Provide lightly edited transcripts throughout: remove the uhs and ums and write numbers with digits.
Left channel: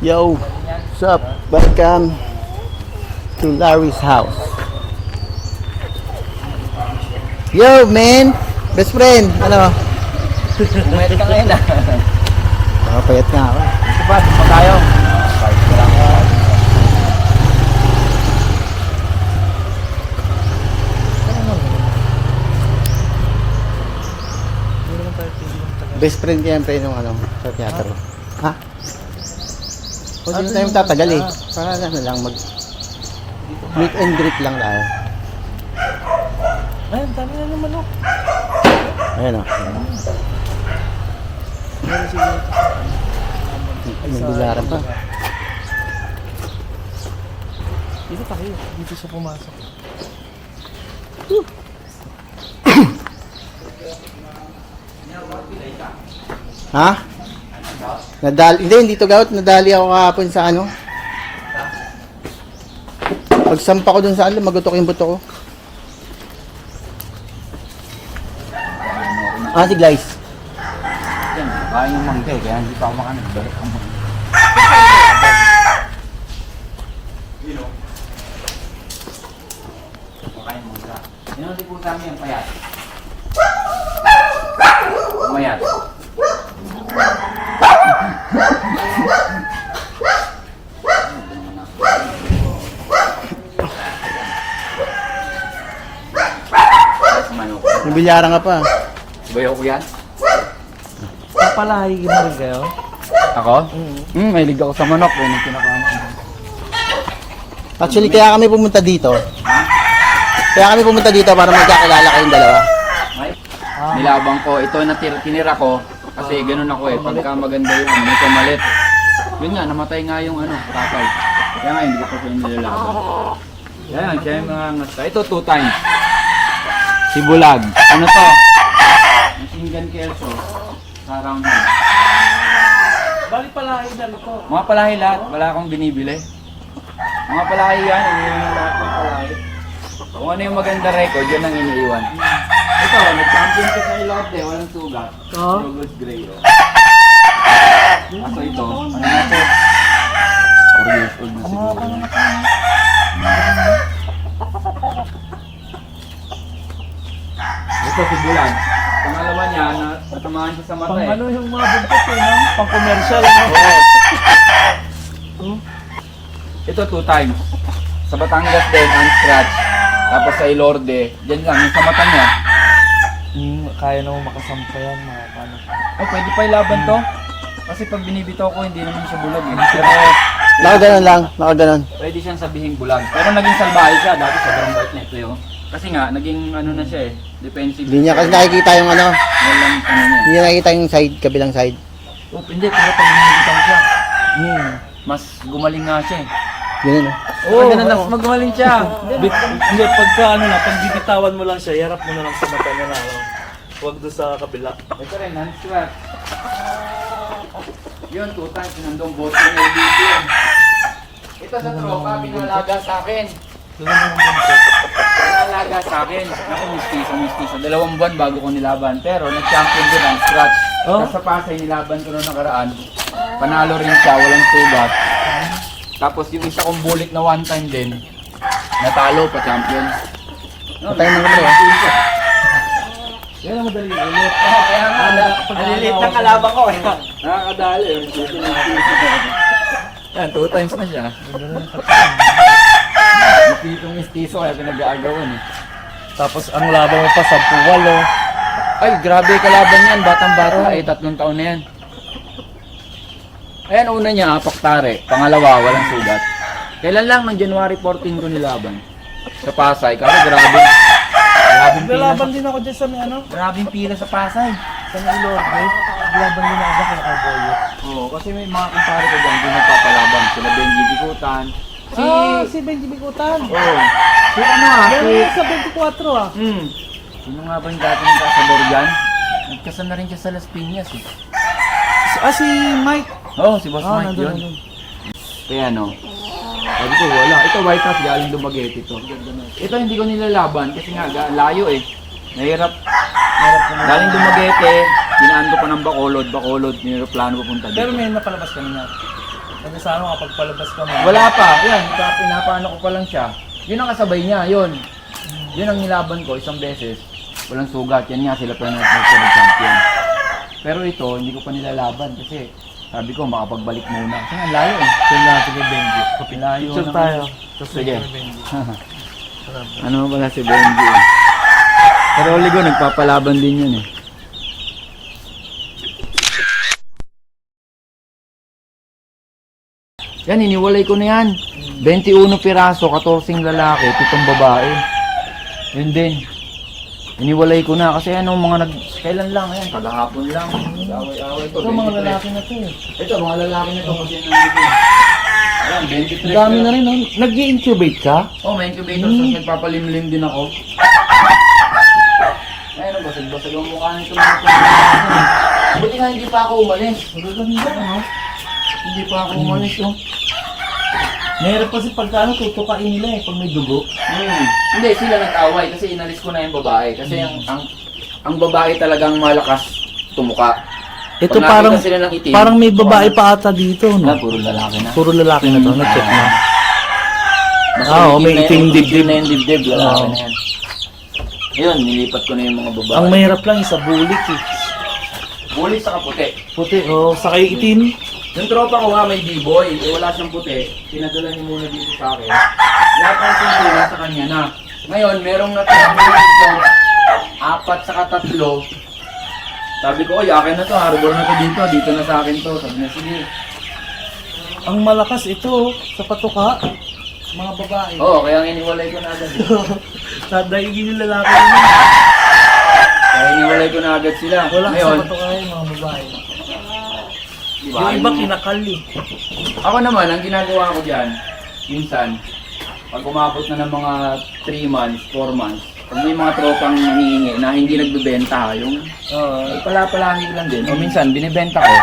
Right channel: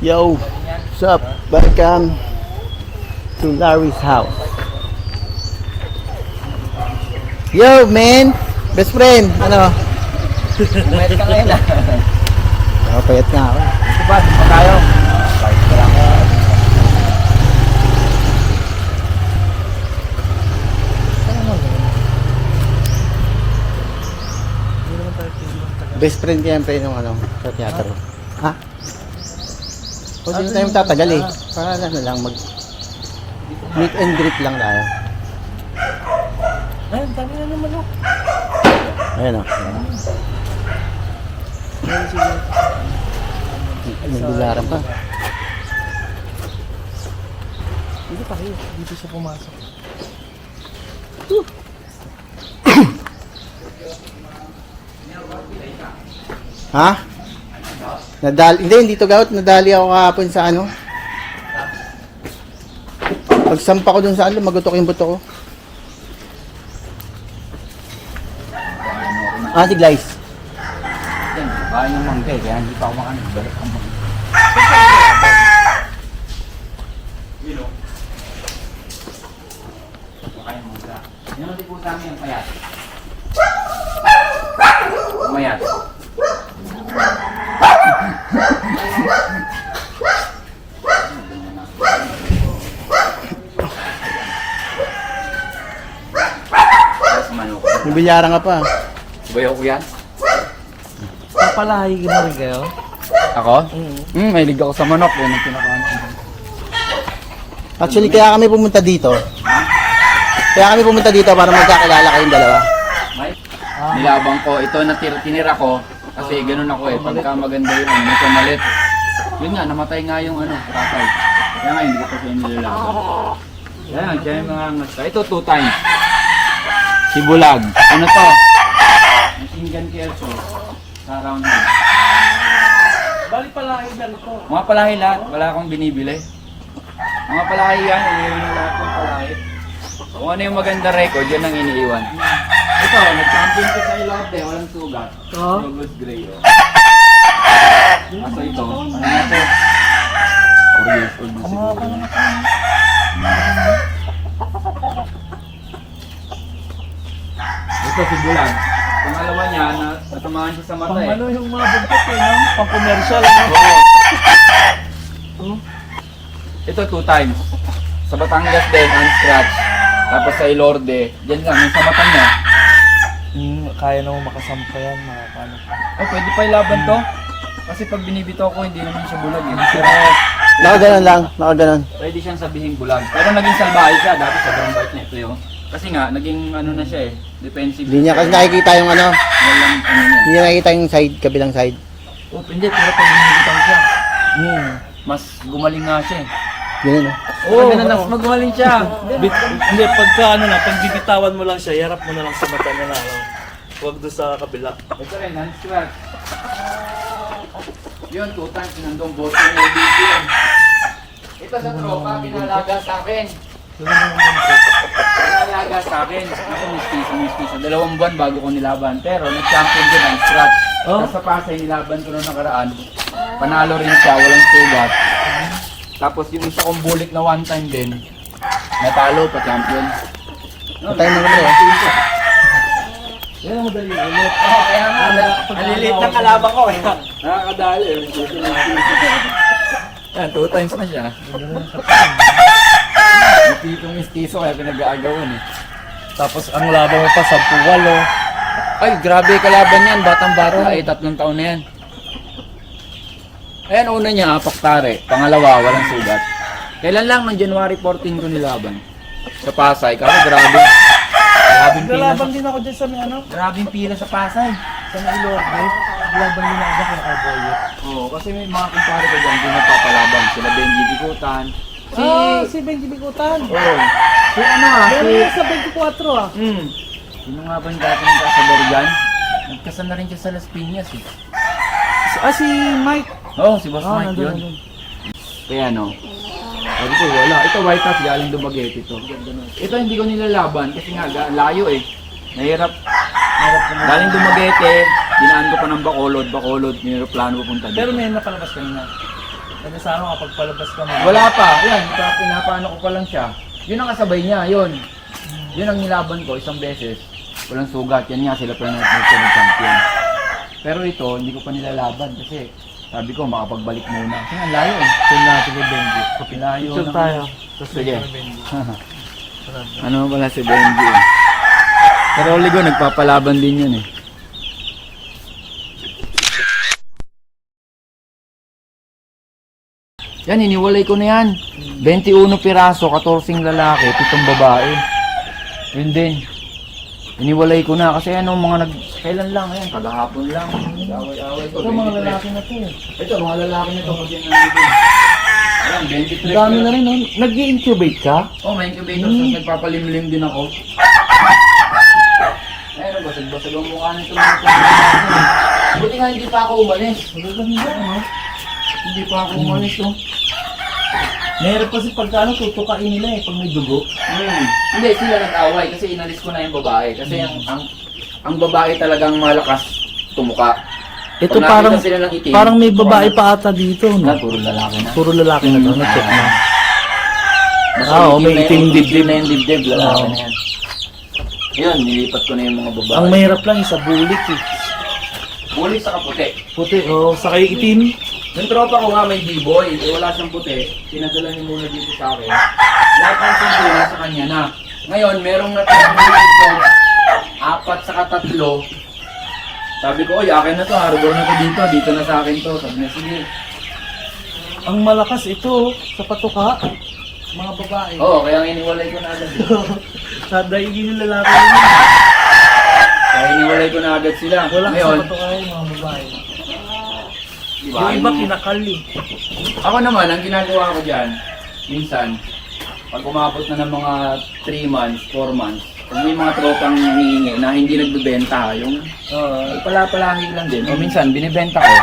Yo, what's up? Welcome to Larry's house. Yo, man! Best friend! Ano? Umayat ka ngayon ah. Nakapayat nga ako. Ito ba? Ito pa tayo. Kahit ko lang. Best friend siyempre nung ano, sa teatro. Ha? O di na tayo tatagal eh. Para ano lang, mag meet and greet lang tayo. Ay, ang dami na naman oh. Ayan o. May bilaran pa. Dito pa kayo. Dito siya pumasok. Ha? Hindi to gout. Nadali ako kahapon sa ano. Pagsampa ko dun sa ano, magutok yung buto ko. Ah, si Glice. Yan, kaya yung mangga eh. Kaya hindi pa ako makanan. Balak ang mangga. Kaya yung mangga. Yan ang tipo sa amin yung payat. Umayat. May bilyaran ka pa. Bayaw ko yan? Pala, higigimari kayo? Ako? May liga ako sa manok. Yan ang pinakaano. Actually, kaya kami pumunta dito. Para magkakilala kayong dalawa. Nilabang ko. Ito na tinira ko. Kasi ganun ako eh. Pagka maganda yung ano, medyo malit. Yun nga, namatay nga yung ano, tatay. Kaya nga, hindi ko kasi nilalaban. Yan, siya yung mga ngasta. Ito 2 times. Si Bulag. Ano to? Machine Kelso. Sa round head. Balik pala kayo dyan ito. Mga palahi lahat. Wala akong binibili. Mga palahi yan. Iniiwan ng lahat ng palahi. Kung ano yung maganda record, yun ang iniiwan. Ito, nag-champion ko sa Ilocos eh. Walang sugat. Logos Gray. Aso ito. Ano na to? 4 years old na siguro. Ito si Bulan. Pangalawa niya na tatamaan siya sa mata Pang eh. ano yung mga bugtot eh, no? Pang commercial. Oo. Ito 2 times. Sa Batangas din, unscratch. Tapos sa Ilorde, dyan lang, yung sa mata niya. Kaya naman makasampa yan. Oh, pwede pa ilaban to. Kasi pag binibitaw ko, hindi naman siya bulag eh. Pero Nakaganon lang. Nakaganon. pwede siyang sabihing bulag. Pero naging salbahe siya. Dati sobrang bait na ito yung. Kasi nga, naging ano na siya eh. Defensive. Hindi niya kasi nakikita yung ano. Walang ano niya. Hindi niya nakikita yung side, kabilang side. Oh, hindi. Pero pag binibitaw siya, mas gumaling nga siya eh. Ganun o. Oo, mas magaling siya. Hindi, pagka ano na, pag bibitawan mo lang siya, yarap mo na lang sa mata niya na. Huwag doon sa kabila. Ito rin, unscratch. Yun, 2 times, sinundong bote niya dito yun. Ito sa tropa, pinalaga sa akin. Pinalaga sa akin. Ako, mistiso. 2 buwan bago ko nilaban. Pero nag-champion din ang scratch. Oh? Sa Pasay, nilaban ko noong nakaraan. Panalo rin siya, walang sugat. Tapos yung isa kong bulik na 1 time din, natalo pa champion. Patay ng kamay eh. Yan ang madali ulit. Kaya nga, Alilit ng kalaban ko eh. nakakadali. Yan, 2 times na siya. Mistiso kaya pinag-aagawan eh. Tapos ang laban mo pa, 10-8. Ay, grabe kalaban yan, batang bata. Ay, 3 taon na yan. Ayan, una niya, Paktare. Pangalawa, walang sugat. Kailan lang, ng January 14 ko nilaban. Sa Pasay, kasi grabe. Grabing pila. Nalaban din ako dyan sa may ano. Grabing pila sa Pasay. Sa may Ilorde. Laban din ako kaya kay Boyo. Oo, kasi may mga kumpare ko dyan, din nagpapalaban. Sila Benji Bikutan. Si Benji Bigutan. Oo. Si ano Pero yung sa 24 ah. Sino nga ba yung dati ng kasador dyan? Nagkasal na rin siya sa Las Piñas eh. Si Mike. Oo, si Boss Mike yun. Kaya ano, sabi ko wala. Ito White House, galing Dumaguete ito. Ito hindi ko nilalaban kasi nga layo eh. Nahirap. Galing Dumaguete, dinaan ko pa ng Bacolod, nireplano ko punta dito. Pero may napalabas kanina. Sabi sa ano, kapag palabas ka na. Wala pa. Yan, pinapaano ko pa lang siya. Yun ang kasabay niya, yun. Yun ang nilaban ko isang beses. Walang sugat. Yan nga sila pa yung champion. Pero ito, hindi ko pa nilalaban kasi sabi ko makapagbalik muna. Kasi ang layo eh. Saan na ito ba, Benji? Layo Picture ng- tayo. Sige. Ano pala si Benji eh. Pero Oligo, nagpapalaban din yun eh. Yan, iniwalay ko na yan. 21 piraso, 14 lalaki, 7 babae. Yun din. Iniwalay ko na kasi ano, mga kailan lang yan, kagahapon lang. Away-away to. Ito mga lalaki na to eh. Ito, mga lalaki na to. Kasi nandito. Ayan, 23. Ang dami na rin, no? Nag-i-incubate ka? Oh, may incubator, so nagpapalimlim din ako. Ayun, basag-basag ang mukha nito mga ito. Buti nga hindi pa ako umalis. Magaganda ka, no? Hindi pa ako umalis, oh. Mahirap kasi pagka ano, tutukain nila eh, pag may dugo. Hindi, sila nag-away kasi inalis ko na yung babae. Kasi ang babae talagang malakas tumuka. Ito Pag nakita parang, sila ng itim, parang may babae pa ata dito, no? puro lalaki na. Puro lalaki na to, na-check na. Basta Oo, may itim dibdib. na yung dibdib, lalaki Oo. na yan. Yun, nilipat ko na yung mga babae. Ang mahirap lang sa bulik eh. Ulit sa kaputi. Puti, oh, sakay itim. Yung tropa ko nga may B-boy, eh wala siyang puti, pinadala niyo muna dito sa akin. Lahat ng tungkulin sa kanya na. Ngayon, merong natirang dito, 4 saka 3. Sabi ko, oy, akin na to, harbor na to dito na sa akin to. Sabi niya, sige. Ang malakas ito, sa patuka. Mga babae. Oo, kaya iniwalay ko na agad. Daigin yung lalaki nila. Kaya iniwalay ko na agad sila. Wala Ngayon, sa patuka yung mga babae. diba, Yung iba yung- kinakali. Ako naman, ang ginagawa ko dyan, minsan, pag umabot na ng mga 3 months, 4 months, kung may mga tropang nangihingi na hindi nagbebenta, yung palapalahi lang din. O minsan, binibenta ko,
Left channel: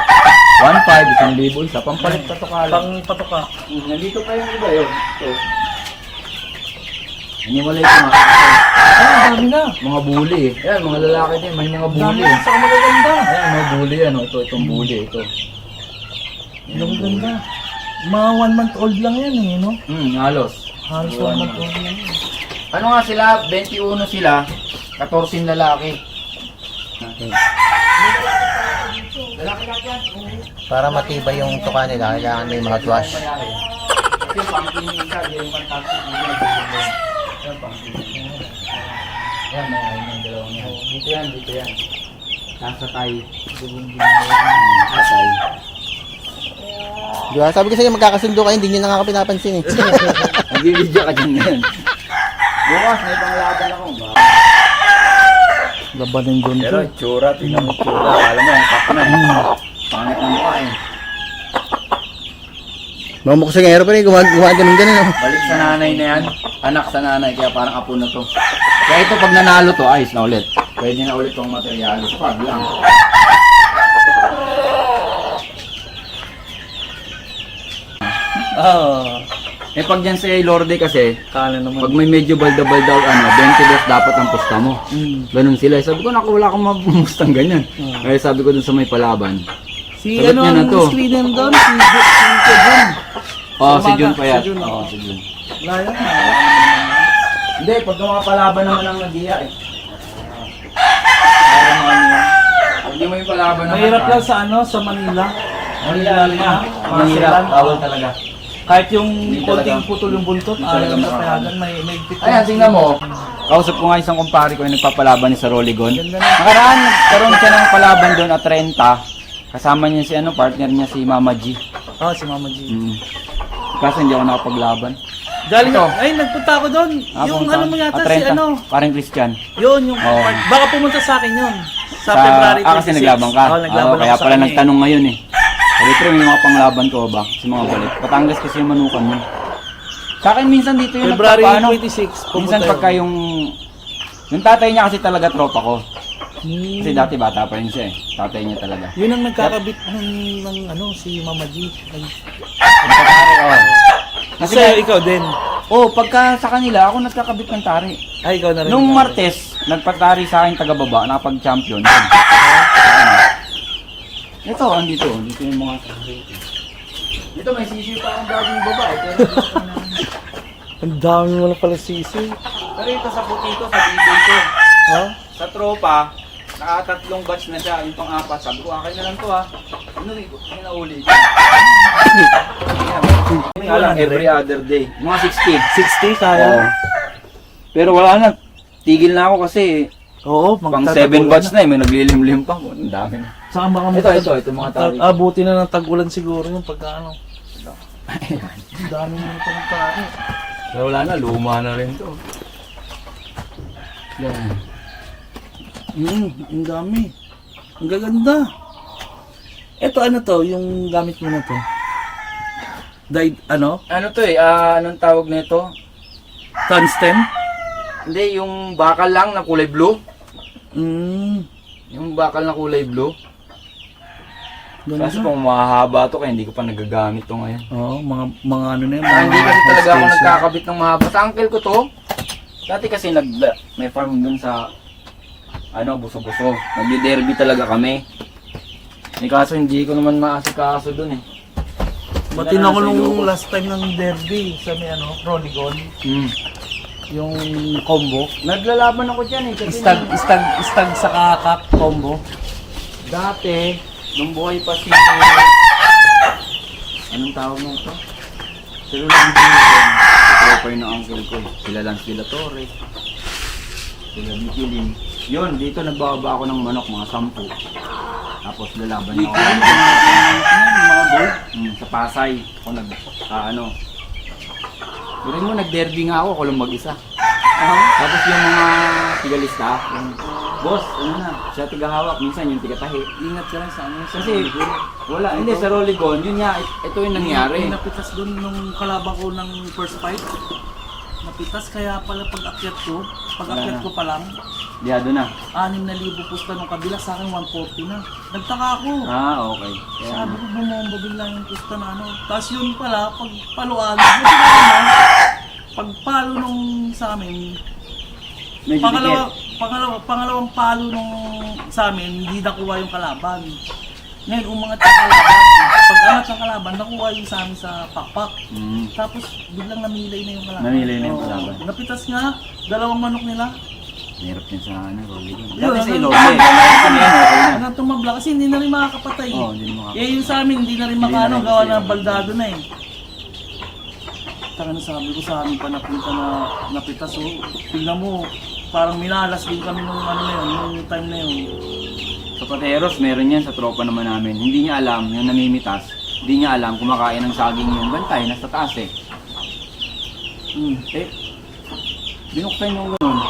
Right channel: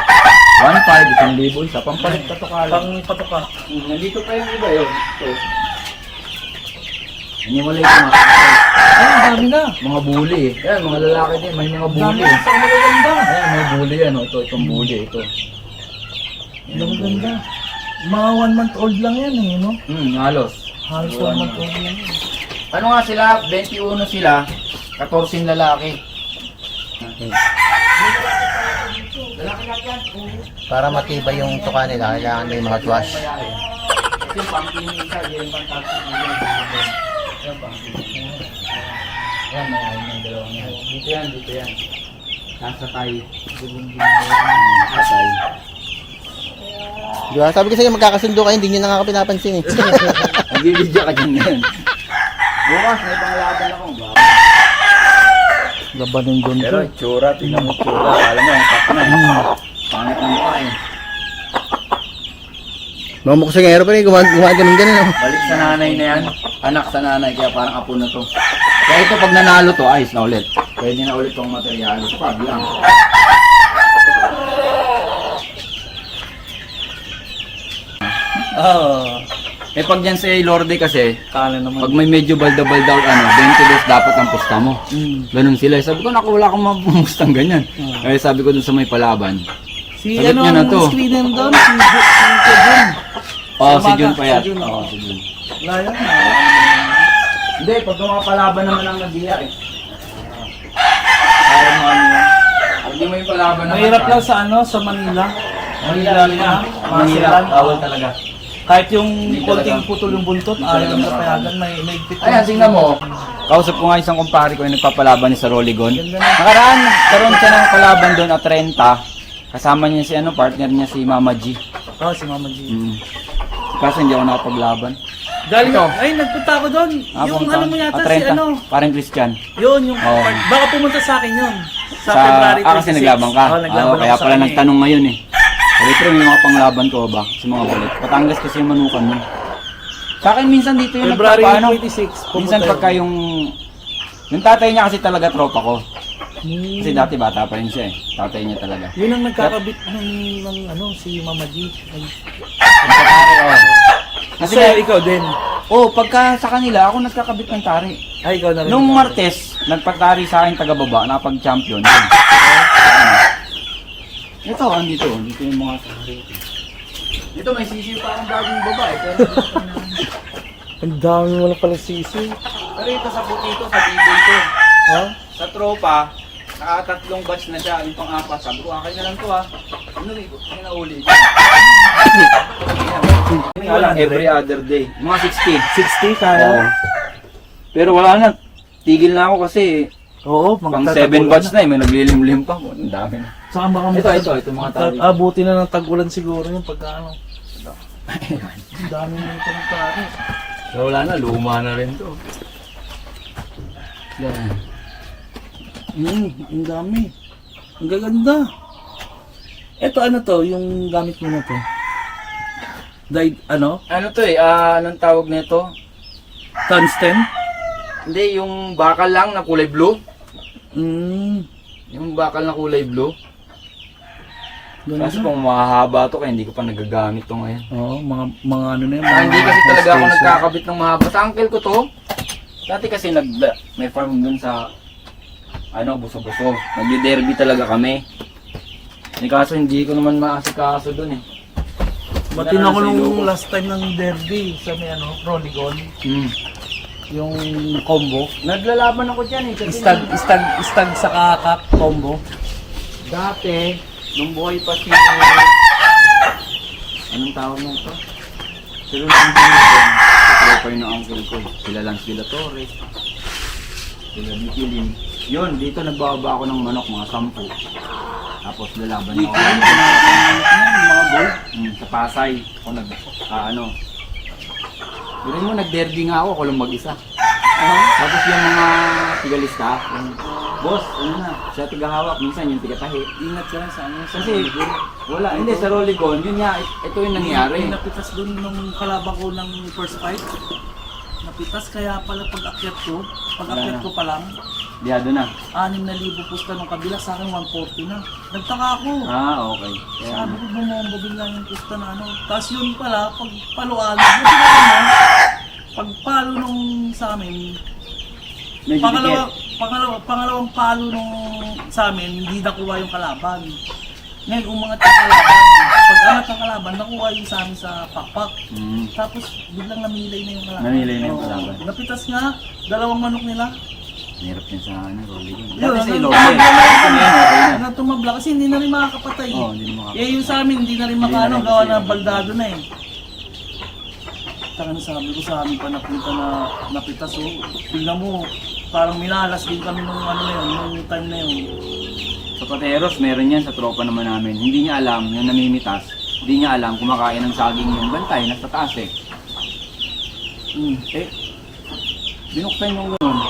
1,500, 1,000, isa, pampalit patukala. Pang patuka. Nandito pa yung iba yun. So, iniwalay ko nga. Ay, ang dami na. Mga bully eh. Yan, mga lalaki din, may mga Ang bully dami eh. na sa magaganda. Ayan, mga bully yan. Itong bully, ito. Ang magaganda. Mga 1 month old lang yan eh, no? Halos. Halos 1 Iwan month mo. old yan. Ano nga sila, 21 sila, 14 lalaki. Para matibay yung tuka nila, kailangan may mga tuwas. Ito yung pumpkin yung isa, yung fantastic. Yung pumpkin. Ayan, may ayun ng dalawang yan. Dito yan. Nasa tayo. Sa tayo. Di ba? Sabi ko sa inyo, magkakasundo kayo, hindi nyo na nga pinapansin eh. Nagbibidyo ka dyan ngayon. Bukas, may pangalakad akong gawin. Labanin din Pero tsura, tingnan mo tsura. Alam mo, ang kap na eh. Pangit ng mukha eh. Mga muksingero pa rin, gumaganon-ganon. Oh. Balik sa nanay na yan. Anak sa nanay, kaya parang apo na to. Kaya ito, pag nanalo to, ayos na ulit. Pwede na ulit itong materialis. Pag lang. Ah, Eh pag yan sa Lorde kasi, kala naman. pag may medyo balda-balda ano, 20 days dapat ang pista mo. Ganun sila. Sabi ko, naku, wala akong mabumustang ganyan. Kaya sabi ko dun sa may palaban. Si Sagot ano niya na ang to. screenin doon? Si Kevin. Oh, si Jun pa yan. Si Jun. Oo, si Jun. Layo na. Hindi, pag mga palaban naman ang nag-iya eh. Parang ano yan. Pag di mo yung palaban naman. Mahirap lang sa ano, sa Manila. Mahirap. Bawal talaga. Kahit yung Hindi talaga. konting putol yung buntot, Hindi talaga ayaw na makakaya. kaya may pito. Ayan, tingnan mo. Kausap ko nga isang kumpare ko yung nagpapalaban ni sa Roligon. Nakaraan, karoon siya ng palaban doon at 30. Kasama niya si ano, partner niya si Mama G. Oh, si Mama G. Kasi hindi ako nakapaglaban. Galing Ito. ay nagpunta ako doon. Yung ano mo yata si ano. Parang Christian. Yun yung Oo. baka pumunta sa akin yun. Sa February 26. kasi naglaban ka. Oh, naglaban Kaya ako sa pala kanya nagtanong ngayon eh. Sabi ko, may mga panglaban ko ba? Sa mga balik. Batangas kasi yung manukan mo. Sa akin minsan dito yung February nagpapaano. 26. Minsan pagka yung tatay niya kasi talaga tropa ko. Kasi dati bata pa rin siya eh. Tatay niya talaga. Yun ang nagkakabit ng ano si Mama G. Ay. Ang tatari, oh. Kasi, Kasi ikaw din. pagka sa kanila, ako nagkakabit ng tari. Ay, ikaw na rin. Nung Martes, nagpagtari sa akin taga-baba, nakapag-champion. Yun. Ito, andito. Dito yung mga Dito may sisiyo pa ang gagawing babae. Pero Ang dami mo na pala sisi. Pero ito sa puti ko, sa bibig ko. Ha? Sa tropa, nakatatlong batch na siya. Yung pang-apat, sabi ko, akin na lang to ha. Inuwi ko, inauli ko. Nga lang, every other day. Mga 60. 60 sana. Oo. Pero wala na. Tigil na ako kasi Oo, pang 7 batch na eh. May naglilimlim pa. Ang dami na. Saka baka Ito mga tali. Abuti na ng tag-ulan siguro yung pagka ano. Ang dami mo ito ng tali. So, wala na, luma na rin to. Yan. Ang dami. Ang gaganda. Ito ano to, yung gamit mo na to? Ano? Ano to eh, anong tawag nito? Tungsten? Hindi, yung bakal lang na kulay blue. Yung bakal na kulay blue. Kasi kung mahaba to, kaya hindi ko pa nagagamit to ngayon. Oo, mga ano na yun. Hindi kasi talaga ako nagkakabit ng mahaba. Sa uncle ko to, dati kasi may farm dun sa Buso-Buso. Nagdi-derby talaga kami. Kaso hindi ko naman maasikaso dun eh. Matin ako nung last time ng derby sa may Proligon. Yung combo. Naglalaban ako dyan eh. Istag sa kakak combo. Dati, nung buhay pa si... Anong tawag mo ito? Sila lang din ito. Tropa yung uncle ko. Sila lang sila Torres. Sila Nikilin. Yun, dito nagbababa ako ng manok, mga 10. Tapos lalaban ako ng mga gold. Sa Pasay. Ako Pero mo, nag-derby nga ako lang mag-isa. Tapos yung mga tigalista, yung boss, siya tigahawak, minsan yung tigatahi. Ingat ka lang sa Kasi wala, hindi sa Rolligon, yun nga, ito yung nangyari. Napitas doon nung kalaban ko ng first fight. Napitas kaya pala pag-akyat ko pa lang, Diado na. 6,000 pusta nung kabila, sa akin 140 na. Nagtaka ako. Okay. Sabi ko bumomba bigla yung pusta na Tapos yun pala, pag paluan, buti na pagpalo nung sa amin, Medyo pangalawang palo nung sa amin, hindi nakuha yung kalaban. Ngayon, umangat yung kalaban. Pag angat ng kalaban, nakuha yung sa amin sa pakpak. Tapos, biglang namilay na yung kalaban. Namilay na yung kalaban. Napitas nga, 2 manok nila. Mahirap yun sa Rolligon. Yun, Dati sa Ilobe. Hanggang tumabla kasi hindi na rin makakapatay. Oo, hindi na makakapatay. Yung sa amin, hindi na rin makano, gawa na baldado na eh. Sabi ko sa amin pa napunta na napitas. Tingnan mo, parang minalas din kami nung nung time na yun. Sa Pateros, meron yan sa tropa naman namin. Hindi niya alam, yung namimitas, hindi niya alam kumakain ng saging yung bantay, nasa taas eh. Binuksan mo gano'n.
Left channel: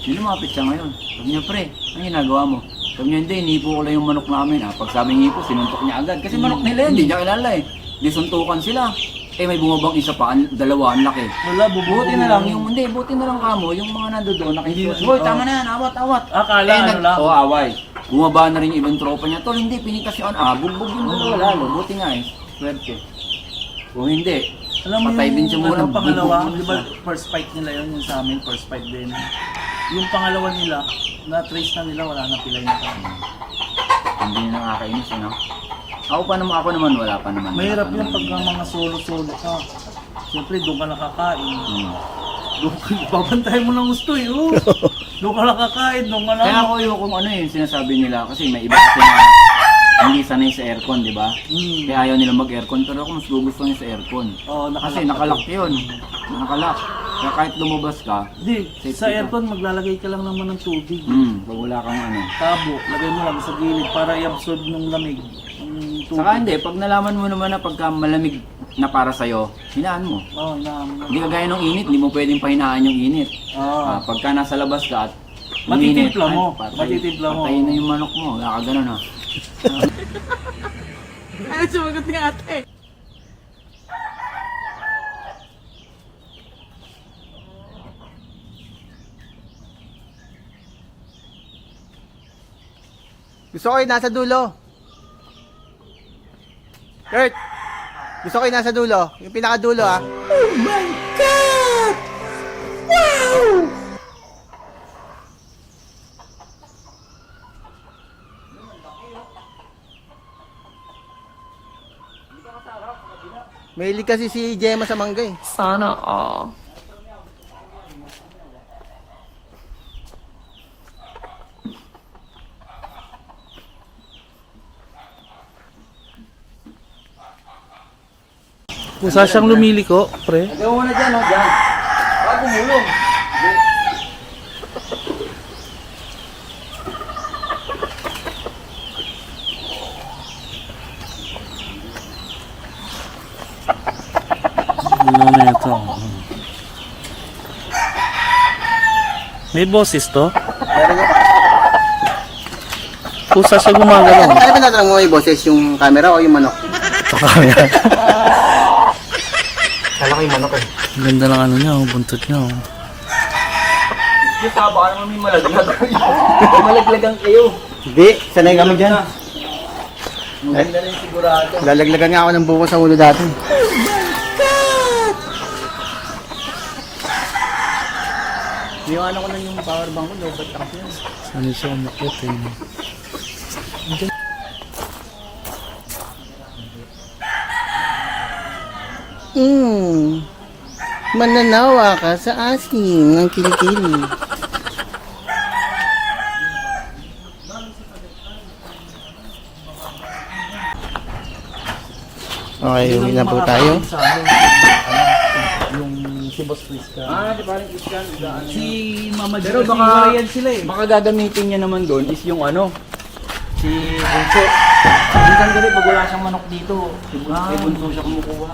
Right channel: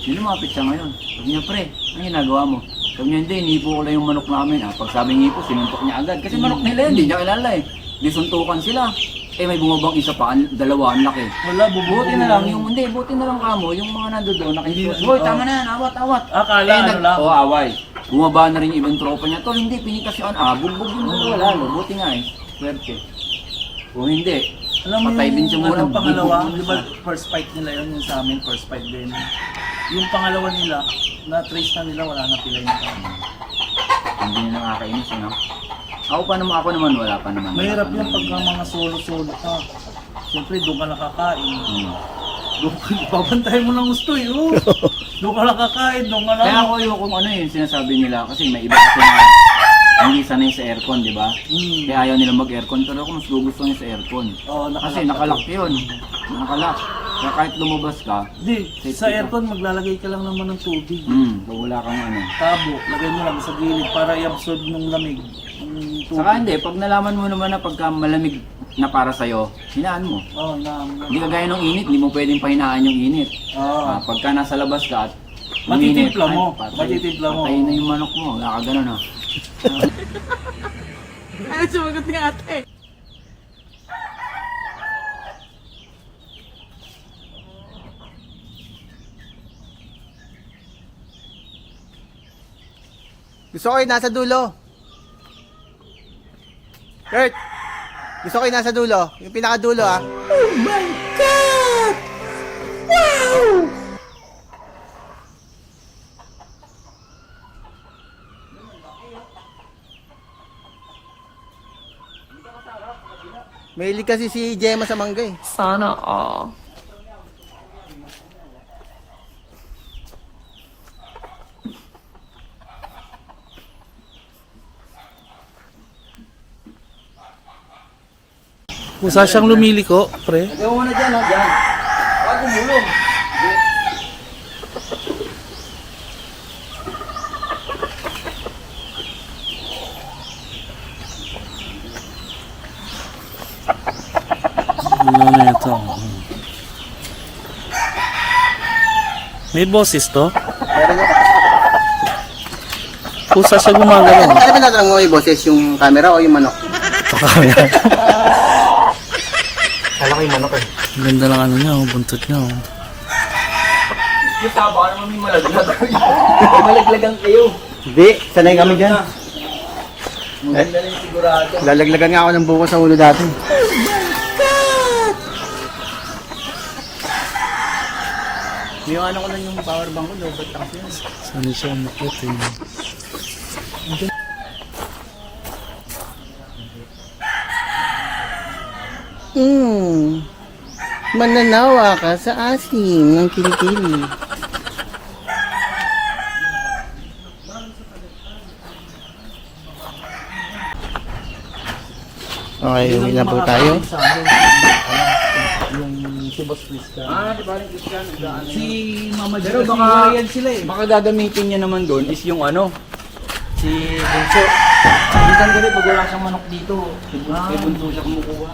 Lumapit siya ngayon. Sabi niya, pre, ano ginagawa mo? Sabi niya, hindi, inipo ko lang yung manok namin. Pag sabi niya po, sinuntok niya agad. Kasi manok nila yun, hindi niya kilala eh. Di suntukan sila. May bumabang isa pa, 2, ang laki. Wala, bubuti na lang. Buti na lang kamo, yung mga nando doon, nakikiwas. Hoy, tama na yan, awat. Akala, lang. Away. Bumaba na rin yung ibang tropa niya. Tol, hindi, pinitas yun. Bugbog yung lalo. Buti nga eh. Swerte. Kung hindi, alam mo patay din siya muna. Pangalawa, di ba first fight nila yun, yung sa amin, first fight din. Yung pangalawa nila, na-trace na nila, wala na pilay na kami. Hindi na nakakainis, ano? Ako naman, wala pa naman. Mahirap yan pag mga solo-solo ka. Siyempre, doon ka nakakain. Babantayan mo ng gusto eh. Doon ka nakakain, doon ka na. Kaya ako yung yung sinasabi nila, kasi may iba kasi na hindi sanay sa aircon, di ba? Kaya ayaw nila mag-aircon, pero ako mas gusto niya sa aircon. Kasi nakalock yun. Nakalock. Kaya kahit lumabas ka, sa aircon maglalagay ka lang naman ng tubig. Pag wala kang tabo, lagay mo lang sa gilid para i-absorb ng lamig. Saka hindi, pag nalaman mo naman na pagka malamig na para sa'yo, hinaan mo. Hindi kagaya ng init, hindi mo pwedeng pahinaan yung init. Pagka nasa labas ka at matitimpla mo. Patayin na yung manok mo, wala ka ganun ha. Ano sumagot ni ate? Gusto ko yung nasa dulo. Kurt! Gusto ko yung nasa dulo. Yung pinakadulo ah. Oh my God! Wow! Mahilig kasi si Gemma sa mangga eh. Sana all. Kusa siyang lumiliko, pre. Ayaw mo na dyan, ha? Dyan. Bago mulong. Ano na ito? May boses to? Kusa siya gumagalaw. Ano ba natanong mo yung boses, yung camera o yung manok? Kala ko yung manok eh. Ang ganda lang ano niya, buntot niya. Yung taba ka naman may malaglag. Malaglagan kayo. Hindi, sanay kami dyan. Maganda na yung sigurado. Lalaglagan nga ako ng buko sa ulo dati. Yung ano ko lang yung power bank ko, lobat kasi. Saan siya umakit eh. Mananawa ka sa asin ng kilikili. Okay, uwi na po tayo. Si Boss Chris Di ba rin Christian? Si Mama Pero Jessica, baka- yan sila eh. Baka gagamitin niya naman doon is yung ano, si Bunso. Minsan kasi pag wala siyang manok dito, si Bunso, kay Bunso siya kumukuha.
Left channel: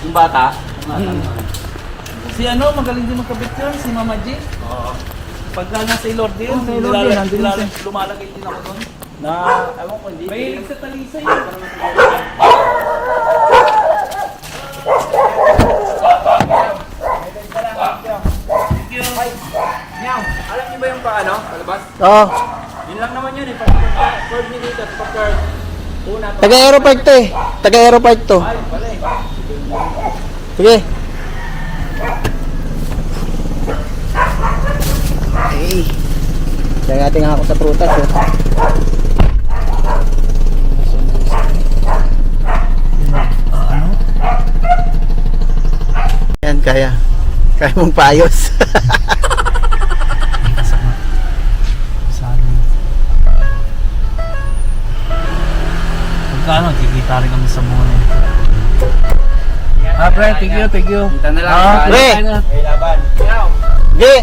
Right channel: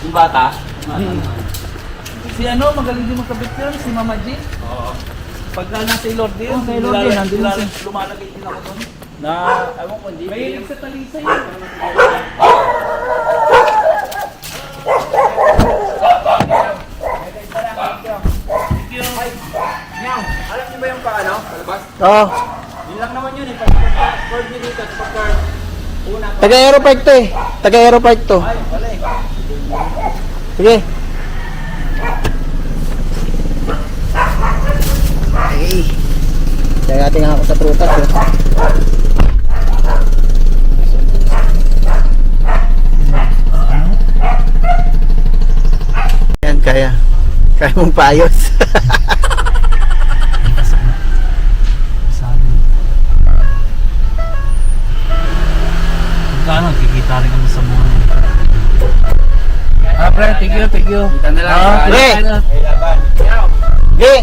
Yung bata, Si ano, magaling din makabit yun, si Mama G. Oo. Pagka nasa Ilord din, Si Ilord din, nandun din siya. lumalagay din ako doon. na, ewan ko, hindi. May sa Talisa yun. Nyang, alam niyo ba yung paano? Palabas? Oo, Yun lang naman yun eh. Pag-cord niyo dito, pag-cord. Una pa. taga-aeropark to eh. Taga-aeropark to. Ay, pala eh. Sige. Hey. Diyan natin nga ako sa prutas oh. Yan, kaya. Kaya mong paayos. Pagka ano, kikita rin kami sa mga... Pre, thank you, thank you. Kita na lang. Ah, pre. May laban. Yaw. Sige.